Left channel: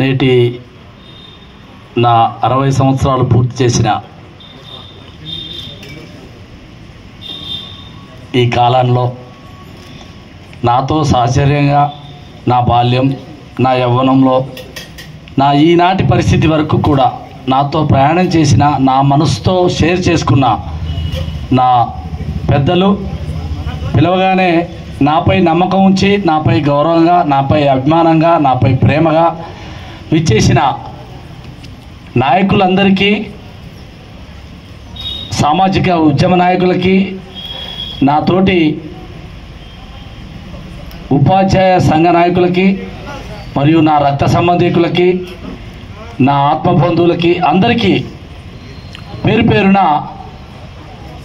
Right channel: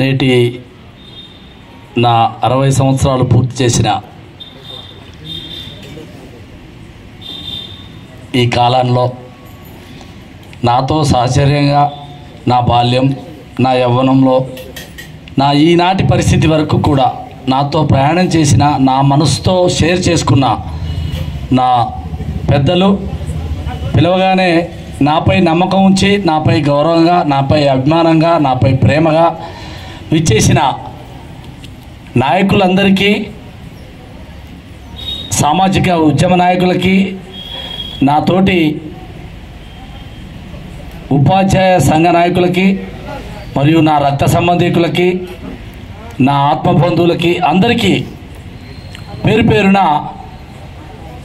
నేటి నా 60 సంవత్సరాలు పూర్తి చేసిన ఈ కాలంలో నాతో సహచర్యంగా నా బాల్యం, నా యవ్వనంలో, నా ఈనాటి పరిస్థితి వరకు కూడా నాతో ప్రయాణం చేసిన, నా మనసుతో షేర్ చేసుకున్న నా పెద్దలు, పిలవగానే నాపై నమ్మకం ఉంచి, నాపై గౌరవంగా, నాపై అభిమానంగా, నాపై ప్రేమగా విచ్చేసిన నాయకులందరికీ, సామాజిక ఉద్యమ నాయకులకి, నాతోటి ఉపాధ్యాయ సంఘ నాయకులకి, మరియు నా రక్త సంబంధికులకి, నా ఆత్మబంధువులకి అందరికీ పేరు పేరున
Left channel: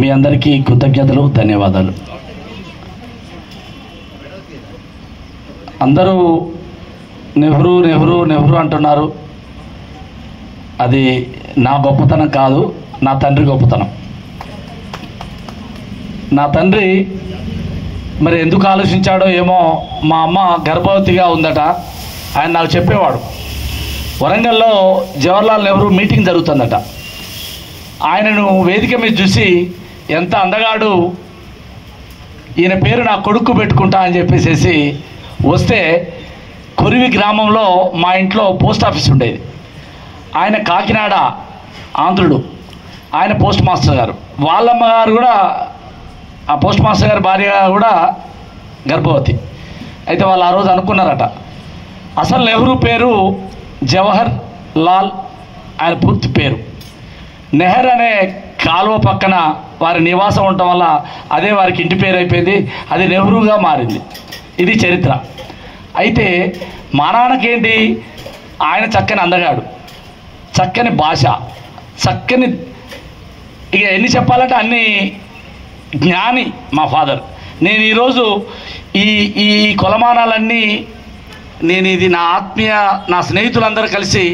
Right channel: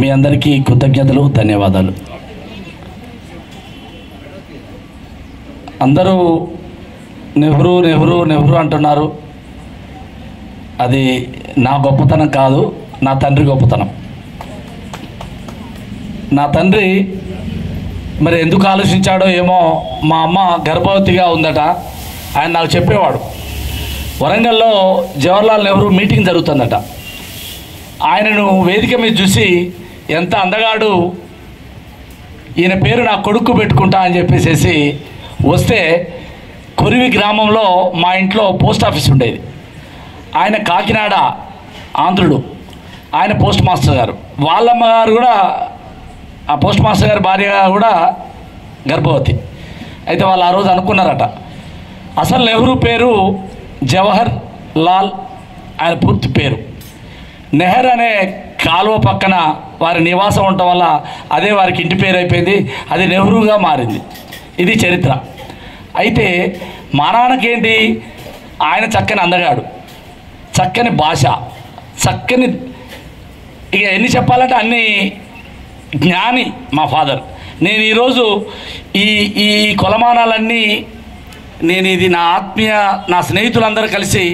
మీ అందరికీ కృతజ్ఞతలు, ధన్యవాదాలు. అందరూ నెహ్రూ నెహ్రూ నెహ్రూ అంటున్నారు. అది నా గొప్పతనం కాదు, నా తండ్రి గొప్పతనం. నా తండ్రి మరి ఎందుకు ఆలోచించాడో ఏమో, మా అమ్మ గర్భవతిగా ఉందట. ఆయన నాకు చెప్పేవాడు, వరంగల్లో జవహర్లాల్ నెహ్రూ మీటింగ్ జరుగుతుందట. ఆయనను వేదిక మీద చూసి, ఎంత అందగాడు, ఈయన పేరు నా కొడుకు పెట్టుకుంటా అని చెప్పేసి వస్తే, కొరివి గ్రామంలో మా ఇంట్లో పోస్ట్ ఆఫీస్ ఉండేది. ఆయన కాకినాడ ఆంధ్రుడు, ఆయన పోస్ట్ మాస్టర్ గారు, వాళ్ళమ్మగారు కూడా, ఆ పోస్ట్ మాస్టర్ గారి భార్య కూడా గర్భవతి. అయితే వాళ్ళు ఆ రోజు అనుకున్నారట, అసలు నెహ్రూ పేరు జవహర్ లాల్, ఆయన పూర్తి పేరు. నెహర్ అనే కాలువ పక్కన వారి నివాసం ఉండటం వల్ల అదే వారికి ఇంటి పేరు అయిపోయింది, అది నెహ్రూగా మారింది. ఇది చరిత్ర. అయితే మా నాన్నకేంటి, ఆయన చక్కని అందగాడు, చక్కని భాష, చక్కని, ఇక ఎన్ని చెప్పాలంటే అన్ని జ్ఞాని మా ఫాదర్. నేను ఈరోజు ఈ కొలమానాలన్నీ నేను ఇది నా ఆత్మీయ, నా స్నేహితులందరూ కలిసి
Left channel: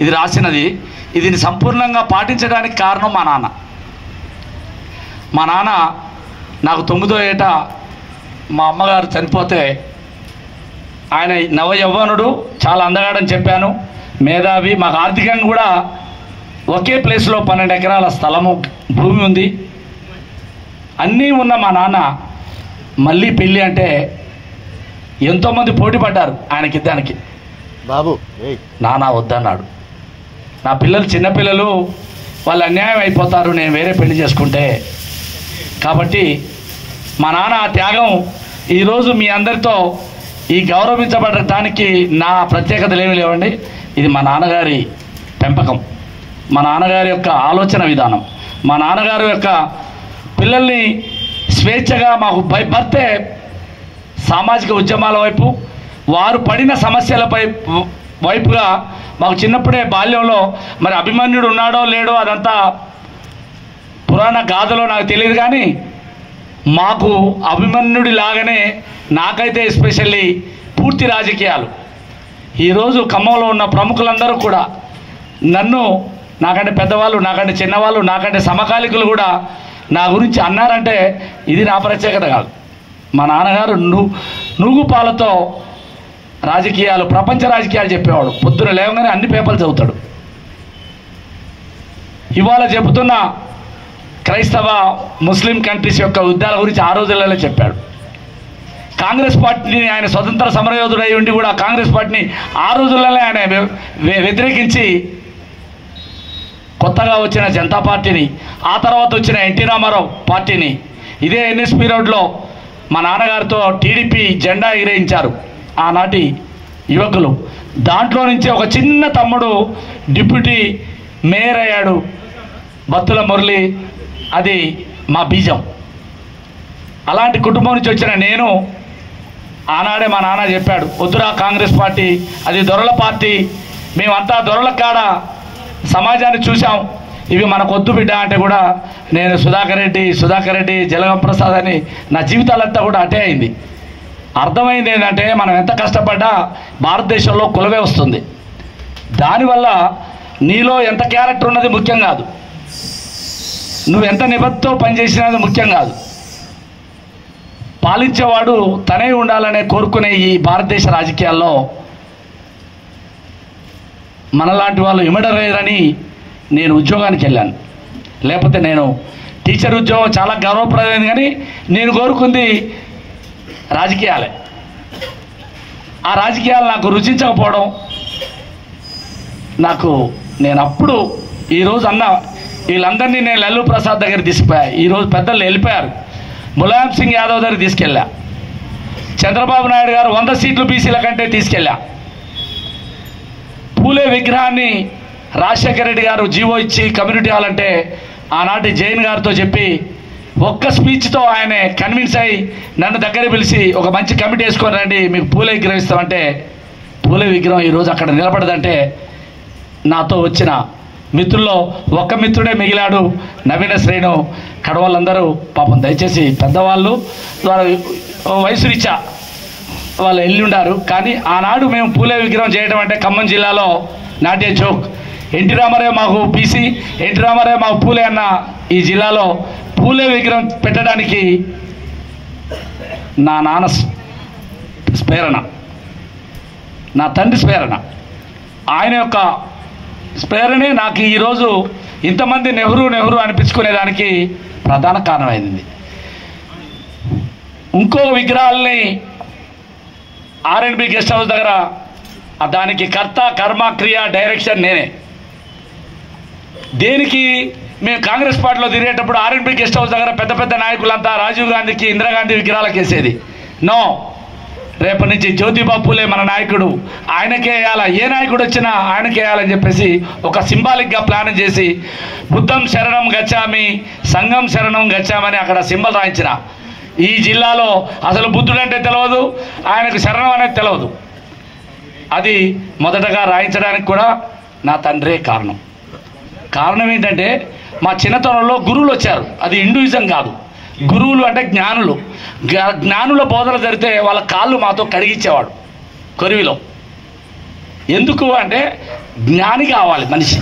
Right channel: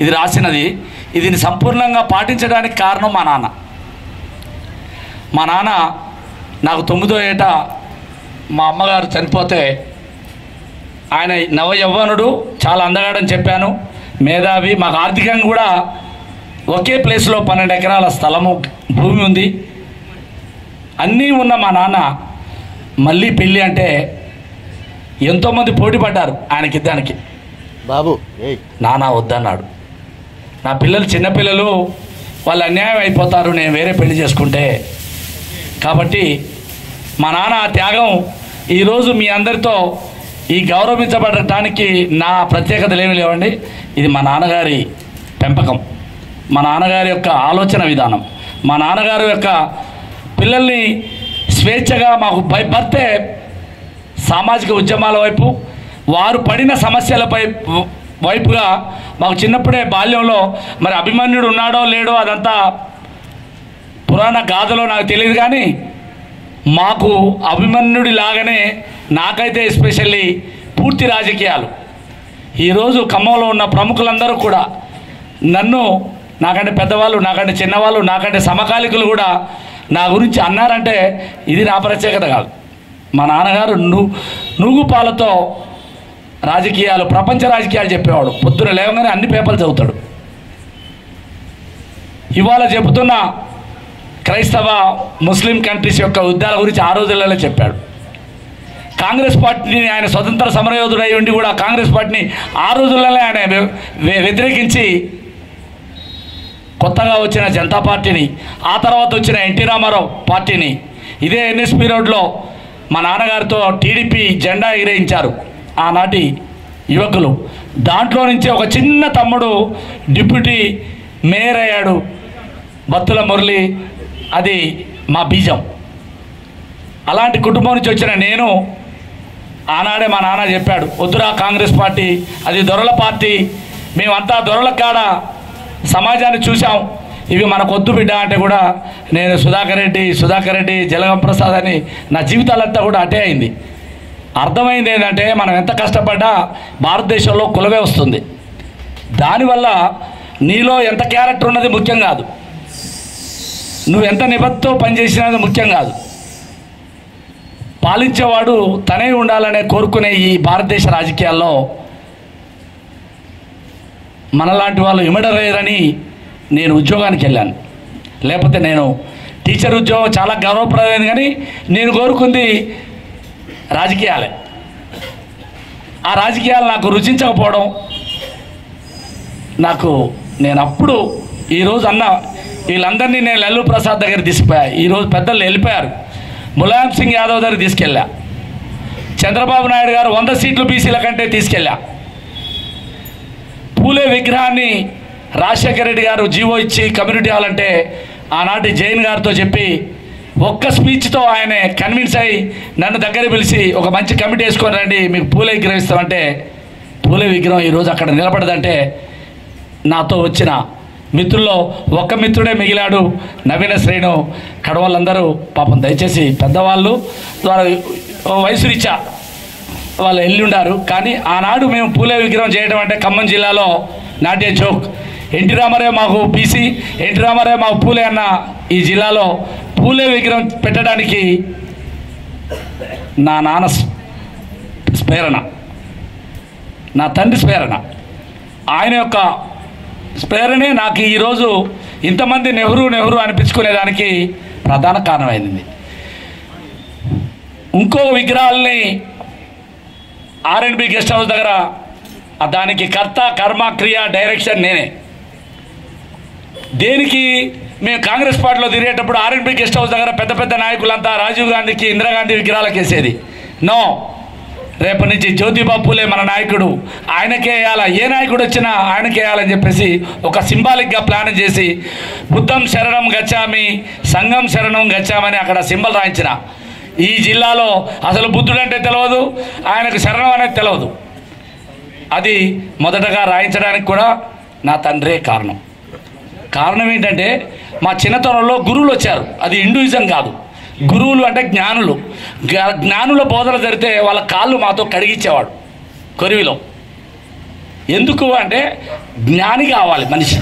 ఇది రాసినది. ఇది సంపూర్ణంగా పాటించడానికి కారణం మా నాన్న. మా నాన్న నాకు 9వ ఏట మా అమ్మగారు చనిపోతే, ఆయన నవయవ్వనుడు, చాలా అందగాడని చెప్పాను, మేధావి, మాకు ఆర్థికంగా కూడా ఒకే ప్లేస్లో 12 ఎకరాల స్థలము, భూమి ఉంది, అన్నీ ఉన్న మా నాన్న మళ్ళీ పెళ్ళి అంటే ఎంతోమంది పోటీ పడ్డారు ఆయనకిద్దానికి. బాబు నాన్న వద్దన్నాడు. నా పిల్లలు చిన్నపిల్లలు, వాళ్ళు అన్యాయం అయిపోతారు నేను వేరే పెళ్లి చేసుకుంటే. కాబట్టి మా నాన్న ఆ త్యాగం ఈరోజు మీ అందరితో ఈ గౌరవించబడటానికి నా ప్రత్యేకతలు ఏమి లేవండి. ఇది మా నాన్నగారి పెంపకం, మా నాన్నగారి యొక్క ఆలోచన విధానం, మా నాన్నగారి యొక్క పిల్లల్ని స్వేచ్ఛగా, మాకు బర్తే సామాజిక ఉద్యమాల వైపు, వారు పడిన సమస్యలపై వైపుగా మాకు చిన్నప్పుడే బాల్యంలో, మరి అభిమన్యుడు ఉన్నాడో లేడో అదంతా పురాణ గాథలో నాకు తెలియదు, కానీ మాకు అభిమన్యుడి లాగానే నాకైతే ఎస్పెషల్లీ పూర్తి రాజకీయాలు. ఈరోజు ఖమ్మంలో ఉన్న ప్రముఖులందరూ కూడా నన్ను, నాకంటే పెద్దవాళ్ళు, నాకంటే చిన్నవాళ్ళు, నాకంటే సమకాలికులు కూడా నా గురించి అన్నారంటే ఇది నా ప్రత్యేకత కాదు. మా నాన్నగారు నూగుపాలతో రాజకీయాలు, ప్రపంచ రాజకీయాలు చెప్పేవాడు. పొద్దున లేవగానే అన్ని పేపర్లు చదువుతాడు. ఇవాళ చెబుతున్న క్రైస్తవ ముస్లిం కంట్రీస్ యొక్క యుద్ధాల గురించి ఆ రోజులలో చెప్పాడు. కాంగ్రెస్ పార్టీని, ఆయన స్వతంత్ర సమరయోధుడై ఉండి కూడా కాంగ్రెస్ పార్టీని ఆ రోజుల్లోనే ఆయన వ్యతిరేకించి, కొత్తగా వచ్చిన జనతా పార్టీని, ఆ తర్వాత వచ్చిన ఎన్టీ రామారావు పార్టీని, ఇదే ఎన్ఎస్పి రోడ్లో మా నాన్నగారితో టీడీపీ జెండా ఎగిరేయించారు ఆనాటి యువకులు. దాంట్లో నుంచి ఒక చిన్న తమ్ముడు డిప్యూటీ మేయర్ అయ్యాడు, బత్తుల మురళి. అది మా బీజం. అలాంటి కుటుంబం నుంచి వచ్చిన నేను, ఆనాడే మా నాన్న చెప్పాడు, వద్దురా కాంగ్రెస్ పార్టీ, అది దొరల పార్టీ, మేమంతా దొరల కాడ సమాజాన్ని చూసాం, ఇవి మనకు వద్దు బిడ్డ అంటే కూడా నేను సుధాకర్ రెడ్డి, జలగం ప్రసాద్ అని నా జీవితాలంతా కూడా అటే అయింది. అర్థమైంది ఏంటంటే, మనం ఎంత కష్టపడ్డా భారతదేశంలో కులవే వస్తుంది. దానివల్ల నీలో ఎంత క్యారెక్టర్ ఉన్నది ముఖ్యం కాదు, నువ్వెంత నిబద్ధతో పనిచేసినది ముఖ్యం కాదు. పాలించేవాడు తనే ఉండాలనే కోరుకునే ఈ భారతదేశ రాజకీయాల్లో మనలాంటి వాళ్ళు ఇమడరేరని నేను ఉద్యోగానికి వెళ్ళాను. లేకపోతే నేను టీచర్ ఉద్యోగం చాలా గౌరవప్రదమైంది, కానీ నేను కోరుకుంది రాజకీయాలే. ఆ రాజకీయాలు నాకు రుచించకపోవడం, నేను అప్పుడు ఈరోజు అన్న వీళ్ళందరినీ నేను లల్లు ప్రసాద్ దగ్గర తీసుకుపోయా. ఈరోజు పెద్దలు వెళ్ళిపోయారు. ములాయం సింగ్ యాదవ్ దగ్గర తీసుకెళ్ళా. చంద్రబాబు నాయుడు గారు 100 సీట్లు బీసీల కంటే తీసుకెళ్ళా. పూలే విగ్రహాన్ని రాజశేఖర రెడ్డి గారు జీవో ఇచ్చి కమ్యూనిటీ హాల్ అంటే ఆనాటి జైన్ గారితో చెప్పి ఒక్క స్పీచ్తో ఆయన కన్విన్స్ అయ్యి నన్ను దగ్గర పిలిచి ఒక మంచి కమిటీ వేసుకొని రండి, మీకు పూలే విగ్రహం ఇస్తామంటే పూలే విగ్రహం ఈరోజు అక్కడ నిలబడదంటే నాతో వచ్చిన మిత్రుల్లో ఒక్క మిత్రుడే మిగిలాడు, నవీన శ్రేణు. కడవాళ్ళందరూ పాపం దయచేసి పెద్దవాళ్ళు వయసు రీత్యా వాళ్ళు వెళ్ళి ఉండారు. కానీ ఆనాడు మేము పూలే విగ్రహం చేయడం అంటే ఖమ్మం జిల్లాలో నాట్య జోక్. ఎన్టీ రామారావు మాకు బీసీ, ఎన్టీ రామారావు మాకు పూలే అన్న ఈ జిల్లాలో పూలే విగ్రహం పెట్టడానికి నా నాన్న స్ఫేరణ, నా తండ్రి స్ఫేరణ, ఆయన యొక్క స్ఫేరణే నాకు ఈరోజు ఇంతమంది నెహ్రూ నెహ్రూ అనిపించుకునేదానికి ప్రధాన కారణమైంది. ఇంకో విగ్రహాలని R&B గెస్ట్ హౌస్ దగ్గర దానికి కర్త కర్మ క్రియ డైరెక్షన్ నేనే. దేనికి మేము కాంగ్రెస్ పార్టీలో తిరిగేటప్పుడు R&B గెస్ట్ హౌస్ దగ్గర పెద్ద పెద్ద నాయకులంతా రాజీవ్ గాంధీకి ఇందిరాగాంధీ విగ్రహాలకు వేసేది. నో, రేపటి నుంచి జ్యోతిబా పూలే మన నాయకుడు, ఆయనకే వేయాలా, ఏ నాయకుడు వచ్చినా ఆయనకే వేయాలని చెప్పేసి ఒక సింబాలిక్గా ప్లాన్ చేసి బుద్ధం శరణం గచ్చామి సంఘం శరణం గచ్చామని అక్కడ సింబల్ రాయించిన. ఈ జిల్లాలో అసలు బుద్ధుడు అంటే తెలియదు, ఆయనకు శరణం అనేది తెలియదు. అది మొదటగా రాయించడానికి కూడా నా తండ్రే కారణం. కారణం ఏంటంటే మా చిన్నతనంలో గురువులు వచ్చారు. అది హిందూయిజం కాదు, గురువులు అంటే జ్ఞానులు. జ్ఞానుల బోధన జరిగితే వాళ్ళ కాళ్ళు మాతో కడిగించేవాడు కొరివిలో. ఎందుకు అంటే జ్ఞాని కావాలి మనిషి.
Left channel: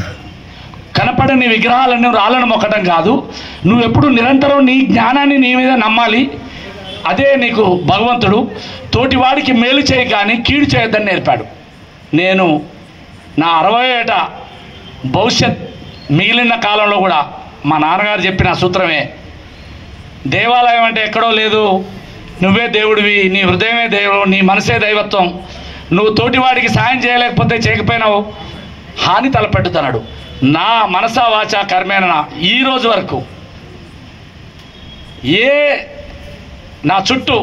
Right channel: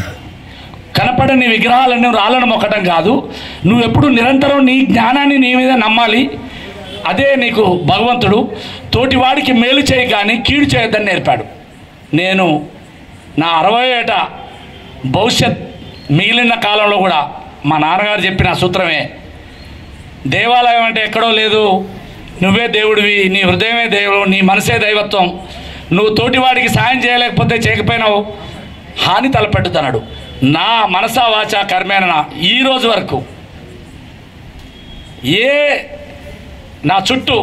కనపడని విగ్రహాలను రాళ్ళను మొక్కటం కాదు, నువ్వు ఎప్పుడు నిరంతరం నీ జ్ఞానాన్ని నీ మీద నమ్మాలి. అదే నీకు భగవంతుడు. తోటివాడికి మేలు చేయి కానీ కీడు చేయొద్దని నేర్పాడు. నేను నా 60 ఏట భవిష్యత్ మిగిలిన కాలంలో కూడా మా నాన్నగారు చెప్పిన సూత్రమే, దేవాలయం అంటే ఎక్కడో లేదు, నువ్వే దేవుడివి, నీ హృదయమే దేవుడు, నీ మనసే దైవత్వం. నువ్వు తోటివాడికి సాయం చేయలేకపోతే చేయకపోయినావు, హాని తలపెట్టుతున్నాడు. నా మనసా వాచ కర్మేన ఈ రోజు వరకు నా చుట్టూ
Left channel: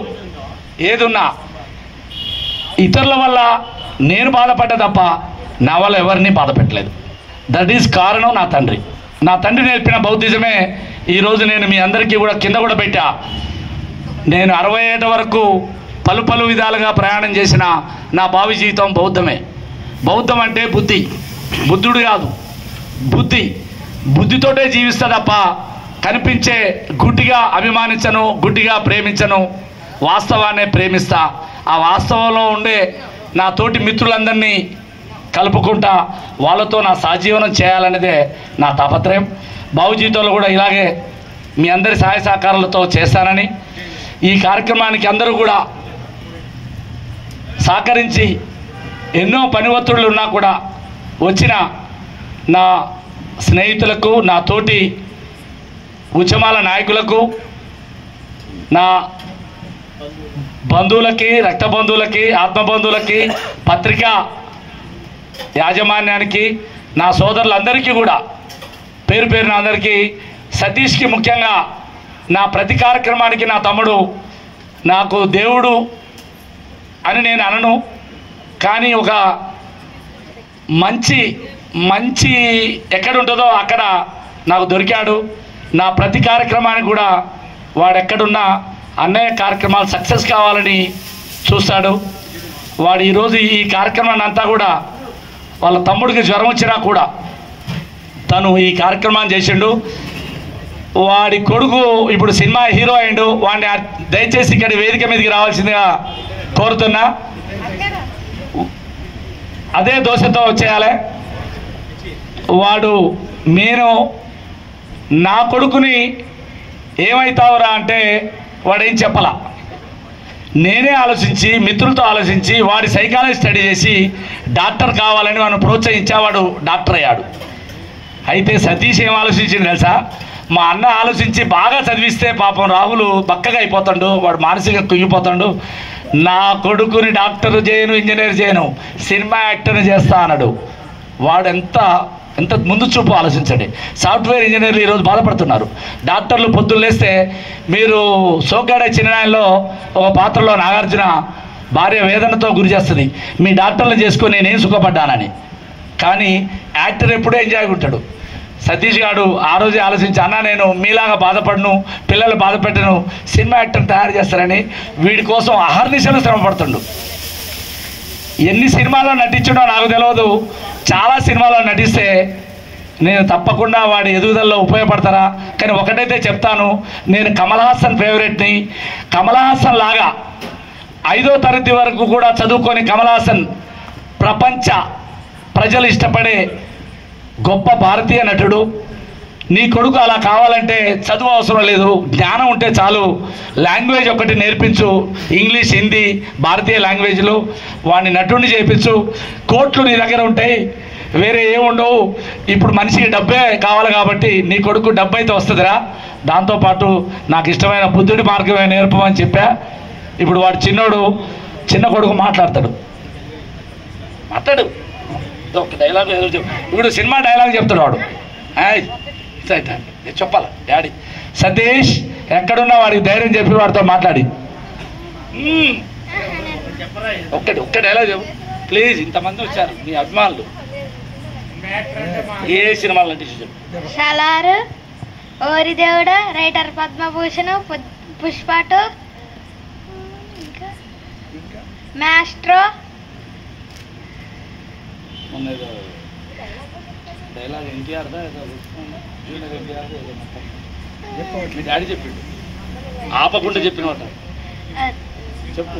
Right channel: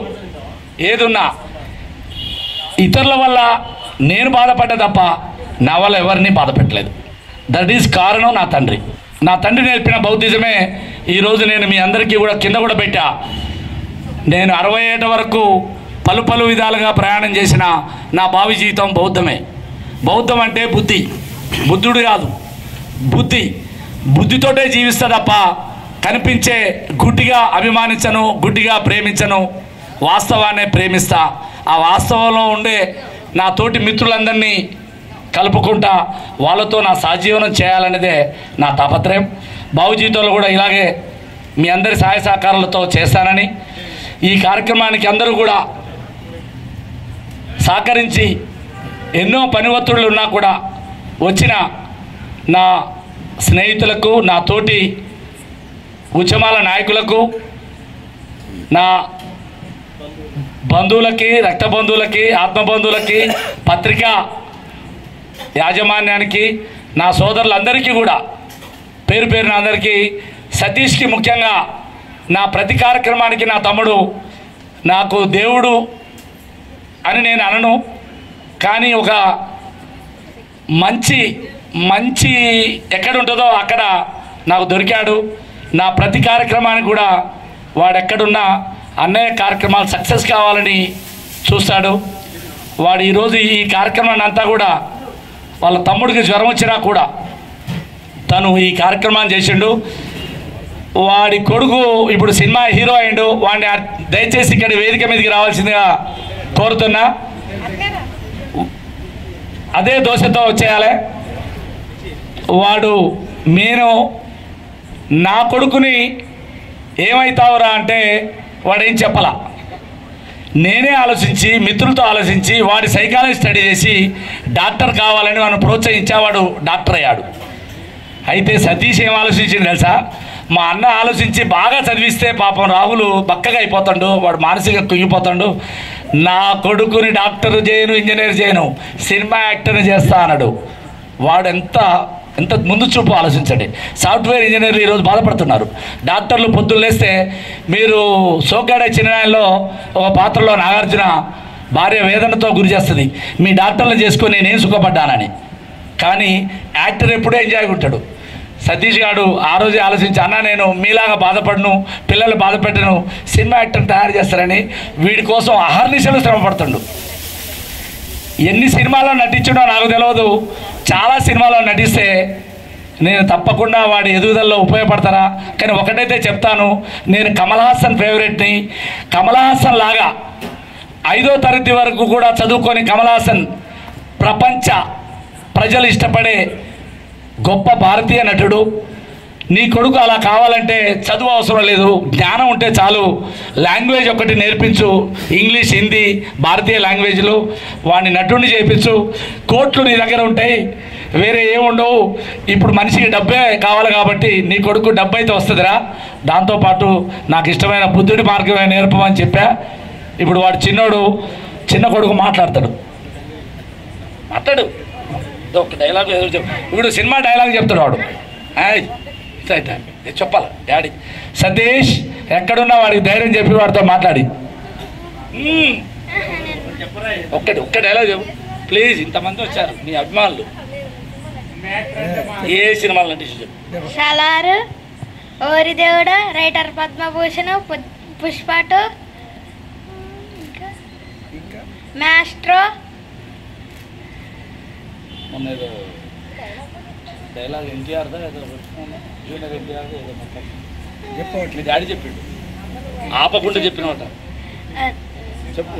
ఏదున్నా ఇతరుల వల్ల నేను బాధపడ్డా తప్ప నా వల్ల ఎవరిని బాధ పెట్టలేదు. దట్ ఈజ్ కారణం నా తండ్రి. నా తండ్రి నేర్పిన బౌద్ధిజమే ఈరోజు నేను మీ అందరికీ కూడా కింద కూడా పెట్టా. నేను 60 ఏట వరకు పలు విధాలుగా ప్రయాణం చేసిన నా భావి జీవితం బౌద్ధమే. బౌద్ధం అంటే బుద్ధి, బుద్ధుడు కాదు, బుద్ధితోటే జీవిస్తా తప్ప కనిపించే గుడ్డిగా అభిమానించను, గుడ్డిగా ప్రేమించను, వాస్తవాన్ని ప్రేమిస్తా. ఆ వాస్తవంలో ఉండే నా తోటి మిత్రులందరినీ కలుపుకుంటా వాళ్ళతో నా సహజీవనం చేయాలనేదే నా తాపత్రయం. భావి జీవితంలో కూడా ఇలాగే మీ అందరి సహాయ సహకారాలతో చేస్తానని, ఈ కార్యక్రమానికి అందరూ కూడా సహకరించి ఎన్నో పని ఒత్తిడులు ఉన్నా కూడా వచ్చిన నా స్నేహితులకు, నా తోటి ఉద్యమాల నాయకులకు, నా బంధువులకి, రక్త బంధువులకి, ఆత్మబంధువులకి, పత్రికా యాజమాన్యానికి, నా సోదరులందరికీ కూడా పేరు పేరున అందరికీ, సతీష్కి ముఖ్యంగా నా ప్రతి కార్యక్రమానికి నా తమ్ముడు నాకు దేవుడు అని నేను అనను, కానీ ఒక మంచి ఎక్కడ ఉంటుందో అక్కడ నాకు దొరికాడు. నా ప్రతి కార్యక్రమానికి కూడా వాడెక్కడున్నా అన్నయ్య కార్యక్రమాలు సక్సెస్ కావాలని చూస్తాడు. వాడు ఈరోజు ఈ కార్యక్రమాన్ని అంతా కూడా వాళ్ళ తమ్ముడికి జ్వరం వచ్చినా కూడా తను ఈ కార్యక్రమాన్ని చేసిండు. వాడి కొడుకు ఇప్పుడు సినిమా హీరో అయిండు. వాడిని దయచేసి ఇక్కడ వేదిక మీదకి రావాల్సిందిగా కోరుతున్నా. అదే దోశతో వచ్చేయాలి. నేను నా కొడుకుని ఏమవుతావురా అంటే వాడేం చెప్పలా. నేనే ఆలోచించి మిత్రులతో ఆలోచించి వాడి సైకాలజీ స్టడీ చేసి డాక్టర్ కావాలని వాడిని ప్రోత్సహించేవాడు డాక్టర్ అయ్యాడు. అయితే సతీష్ ఏం ఆలోచించింది తెలుసా? మా అన్న ఆలోచించి బాగా చదివిస్తే పాపం రాహుల్ బక్కగా అయిపోతాడు, వాడు మానసికంగా కుంగిపోతాడు, నా కొడుకుని డాక్టర్ చేయను, ఇంజనీర్ చేయను, సినిమా యాక్టర్ని చేస్తా అన్నాడు. వాడు ఎంత ముందు చూపు ఆలోచించండి. సాఫ్ట్వేర్ ఇంజనీర్లు ఈరోజు బాధపడుతున్నారు. డాక్టర్లు పొద్దున్న లేస్తే మీరు సోగ్గాడే చిన్ననాయల్లో ఒక పాత్రలో నాగార్జున భార్య వేదనతో గురి చేస్తుంది, మీ డాక్టర్లు చేసుకొని నేనేం సుఖపడ్డానని. కానీ యాక్టర్ ఎప్పుడూ ఎంజాయ్ ఉంటాడు. సతీష్ గారు ఆ రోజే ఆలోచించి, అన్న నేను మీలాగా బాధపడను, పిల్లలు బాధపెట్టను, సినిమా యాక్టర్ని తయారు చేస్తారని వీడి కోసం అహర్నిశలు శ్రమ పడుతుండు. ఎన్ని సినిమాల్లో నటించడో నాకు తెలియదు, చాలా సినిమాల్లో నటిస్తే నేను తప్పకుండా వాడి ఎదుగుదలలో ఉపయోగపడతారా. కానీ ఒకటైతే చెప్తాను, నేను కమల్ హాసన్ ఫేవరెట్ని. కమల్ హాసన్ లాగా 5వ తరగతి వరకు కూడా చదువుకొని కమల్ హాసన్ ప్రపంచ ప్రజలు ఇష్టపడే గొప్ప భారతీయ నటుడు. నీ కొడుకు అలా కావాలంటే చదువు అవసరం లేదు, జ్ఞానం ఉంటే చాలు. లాంగ్వేజ్ ఒకటి నేర్పించు, ఇంగ్లీష్, హిందీ, భారతీయ లాంగ్వేజ్లు. వాడిని నటుడిని చేయించు. కోట్లు నీ దగ్గర ఉంటాయి, వేరే ఏముండవు. ఇప్పుడు మనిషికి డబ్బే కావాలి కాబట్టి నీ కొడుకు డబ్బు అయితే వస్తుందిరా. దాంతోపాటు నాకు ఇష్టమైన బుద్ధుడి మార్గమే నేర్పమని చెప్పా. ఇప్పుడు వాడు చిన్న కొడుకు మాట్లాడు ఒక డైలాగ్ ఇప్పుడు సినిమా డైలాగ్ చెప్తాడు వాడు. చెప్పాలి డాడీ సతీష్ ఎక్కడున్నా వాడికి ధైర్యం చెప్పి వాడితో మాట్లాడి ఒక్క డైలాగ్ చెప్పు ప్లీజ్. ఇంతమంది వచ్చారు మీ అభిమానులు, ఏ సినిమాలు నటించారు? సలారు, ఓరి దేవుడ, రైటర్ పద్మభూషణ్, పుష్ప2, మాస్ట్రో. మొన్న ఏదో డైలాగ్ ఎన్టీఆర్దా మీ డాడీ చెప్పిండు, ఆపకుండా చెప్పినమాట చెప్పు.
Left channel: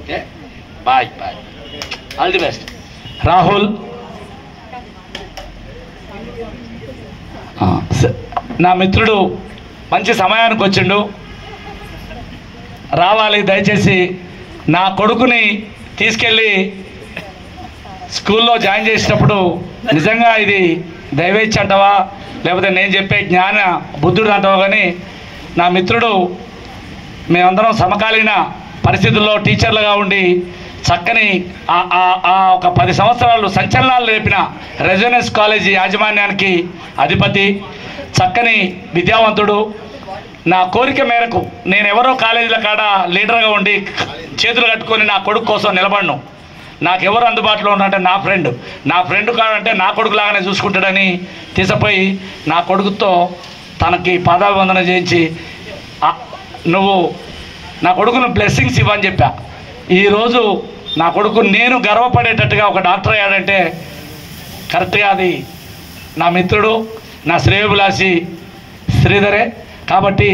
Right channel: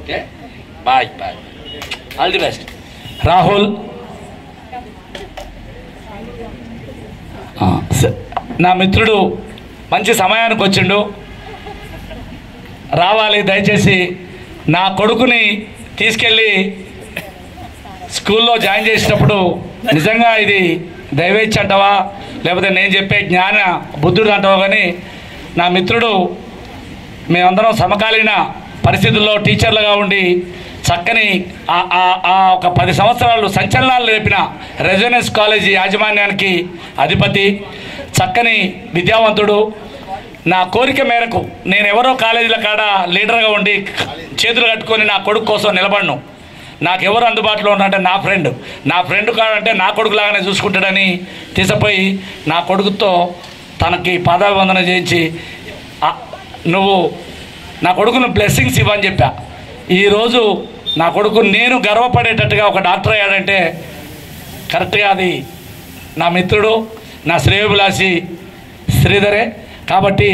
Okay bye bye, all the best. Rahul నా మిత్రుడు మంచి సమయానికి వచ్చిండు, రావాలి. దయచేసి నా కొడుకుని తీసుకెళ్ళి స్కూల్లో జాయిన్ చేసేటప్పుడు నిజంగా ఇది దైవేచ్ఛ అంటావా లేకపోతే నేను చెప్పే జ్ఞాన బుద్ధుడు అంటావా, కానీ నా మిత్రుడు మేమందరం సమకాలీన పరిస్థితుల్లో టీచర్లుగా ఉండి చక్కని ఒక 10 సంవత్సరాలు సంచలనాలు లేపిన రెజొనెన్స్ కాలేజీ యాజమాన్యానికి అధిపతి, చక్కని విద్యావంతుడు. నా కోరిక మేరకు నేను ఎవరో కాలేజీల కాడ లీడర్గా ఉండి చేతులు కట్టుకొని నా కొడుకు కోసం నిలబడను. నాకెవరు అందుబాటులో ఉన్నారంటే నా ఫ్రెండ్ కాడంటే నా కొడుకులాగానే చూసుకుంటాడని తీసుకుపోయి నా కొడుకుతో తనకి పాదాభివందన చేయించి, నువ్వు నా కొడుకును బ్లెస్సింగ్స్ ఇవ్వని చెప్పా. ఈరోజు నా కొడుకు నేను గర్వపడేటట్టుగా ఒక డాక్టర్ అయ్యాడంటే కరెక్ట్గా అది నా మిత్రుడు, నా శ్రేయోభిలాషి శ్రీధరే. కాబట్టి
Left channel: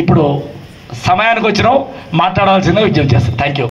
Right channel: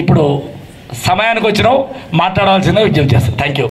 ఇప్పుడు సమయానికి వచ్చినావు, మాట్లాడవలసిందే విజ్ఞప్తి చేస్తాను. Thank you.